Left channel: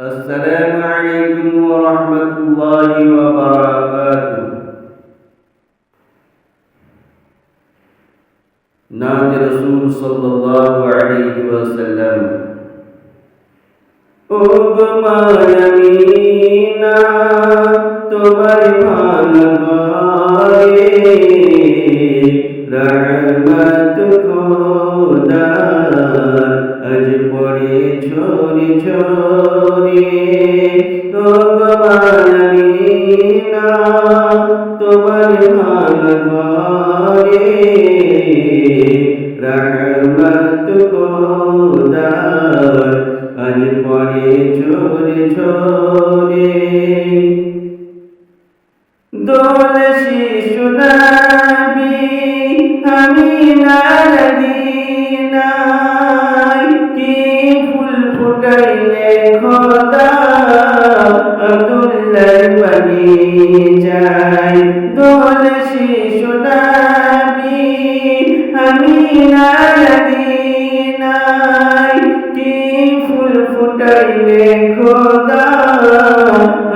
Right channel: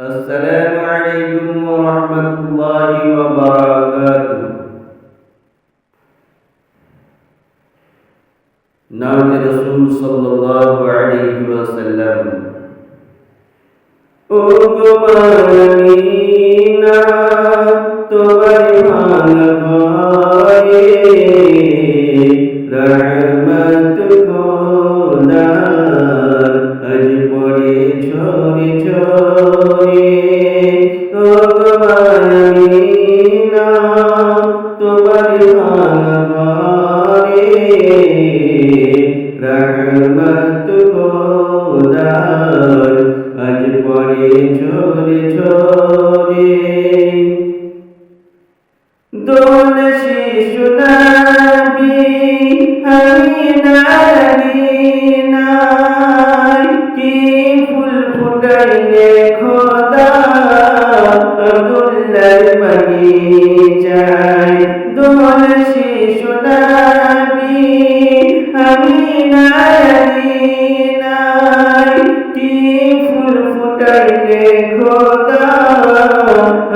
السلام عليكم ورحمة الله وبركاته. नात रसूल सल्लल्लाहु अलैहि वसल्लम ओ गो मायमीना তোমার ভাঙারে রহমত খোদার আজ পড়ে ঝরে ঝরে ও গো মায়মিনা তোমার ভাঙারে রহমত খোদার আজ পড়ে ঝরে ঝরে দোল শিশু নবী আমিনার গিনায় কি ফুল ফুটাইলে খোদা আব্দুল্লাহর বাগিচায় দোল শিশু নবী আমিনার গিনায় কি ফুল ফুটাইলে খোদা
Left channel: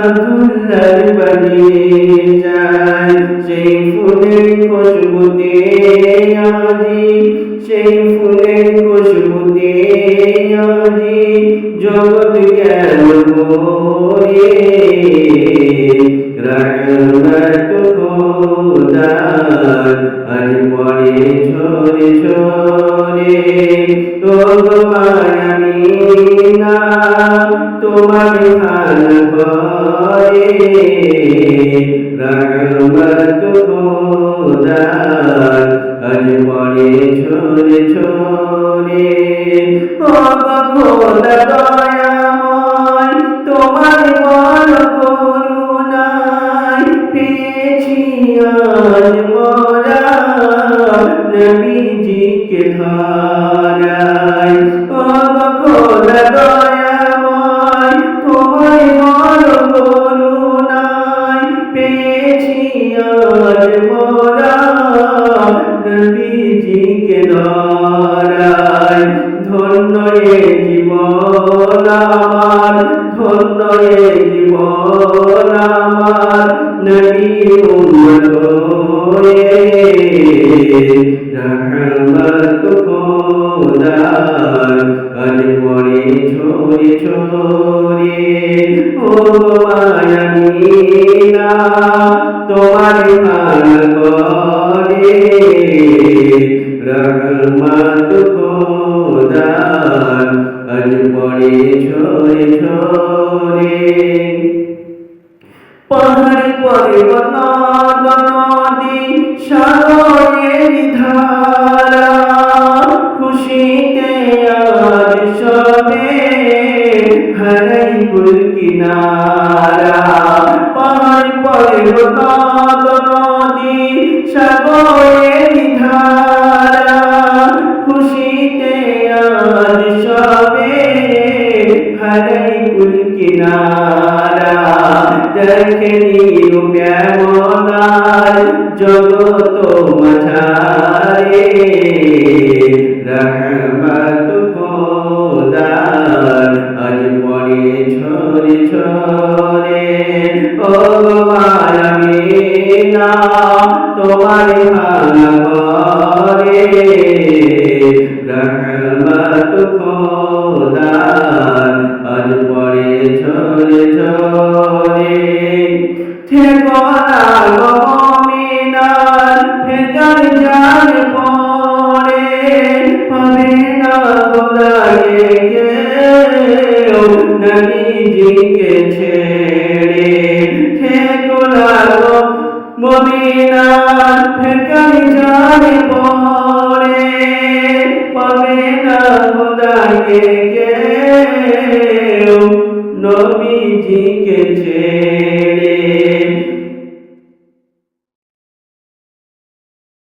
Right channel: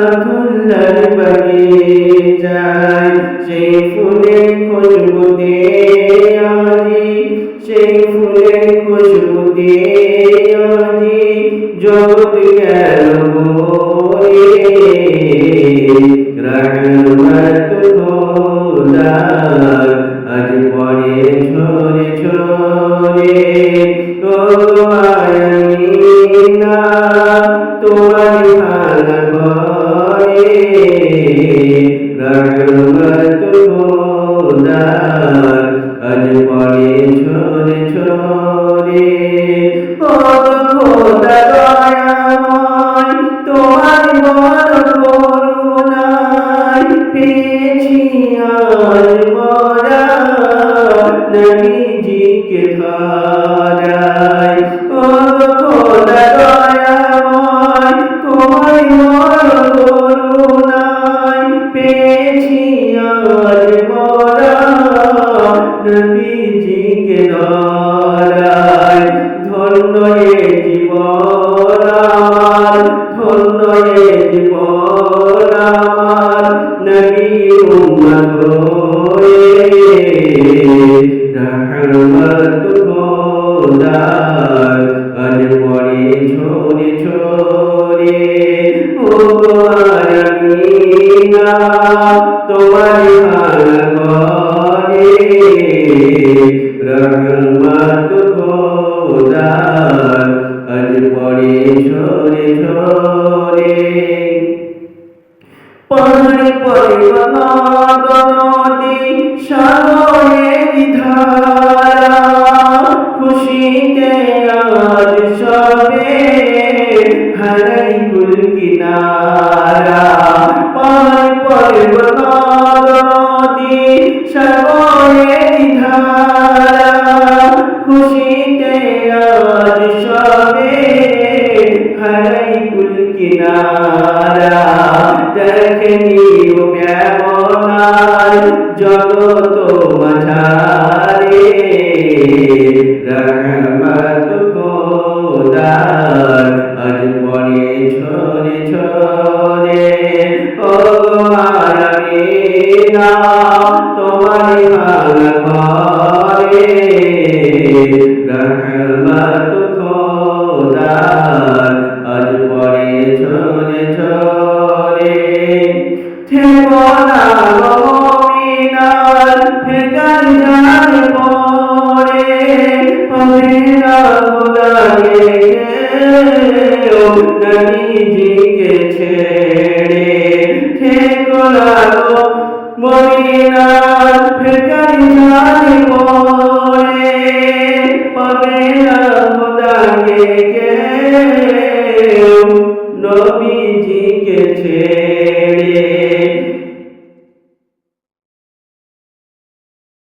আব্দুল্লাহর বাগিচায় সেই ফুলের খুশবুতে আজি সেই ফুলের খুশবুতে আজি জগৎ গেল ভরে রহমত খোদার আজ পড়ে ঝরে ঝরে ও গো মায়ামিনা তোমার ভাঙা ঘরে রহমত খোদার আজ পড়ে ঝরে ঝরে ও গো খোদা দয়াময় তোমার বড় করুণায় পেয়েছি আজ মোরা নবীজিকে ধারায় ও গো খোদা দয়াময় তোমার বড় করুণায় পেয়েছি আজ মোরা নবীজিকে ধারায় ধন্য এ জীবন আমার ধন্য এ জীবন আমার নবীর উম্মত হয়ে রহমত খোদার আজ পড়ে ঝরে ঝরে ও মায়ামিনা তোমার ভাঙা ঘরে রহমত খোদার আজ পড়ে ঝরে ঝরে পাহাড়ি পর্বত নদী সাগরের ধারা খুশিতে আজ সবে হারাই কুল কিনারা পাহাড়ি পর্বত নদী সাগরের ধারা খুশিতে আজ সবে হারাই কুল কিনারা দেখেনি ব্যামনার জগত মাঝারে রহমত খোদার আজ পড়ে ঝরে ঝরে ও গো মায়ামিনা তোমার ভাঙা ঘরে রহমত খোদার আজ পড়ে ঝরে ঝরে ঠিকানা গো মুমিনার ফেকার জান পড়ে পাবে না খোদাকে কেউ নবীজিকে ছেড়ে ঠিকানা গো মুমিনার ফেকার জান পড়ে পাবে না খোদাকে কেউ নবীজিকে ছেড়ে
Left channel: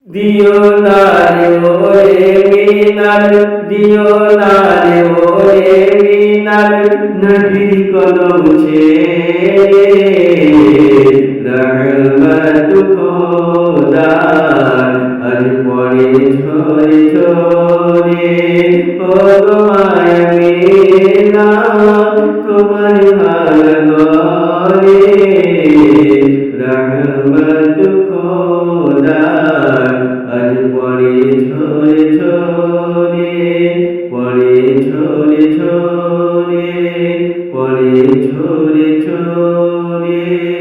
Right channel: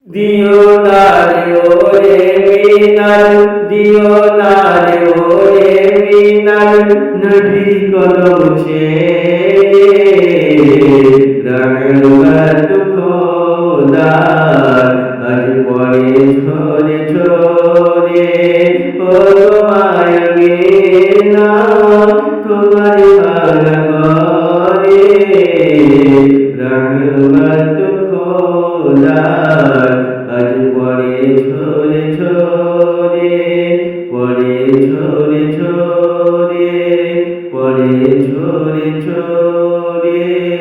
দিও না রে ওরে মিনার দিও না রে ওরে মিনার নবীর কদম ছেড়ে রহমত খোদার আজ পড়ে ঝরে ঝরে ও গো মায়ামিনা তোমার ভাঙা ঘরে রহমত খোদার আজ পড়ে ঝরে ঝরে, পড়ে ঝরে ঝরে, পড়ে ঝরে ঝরে।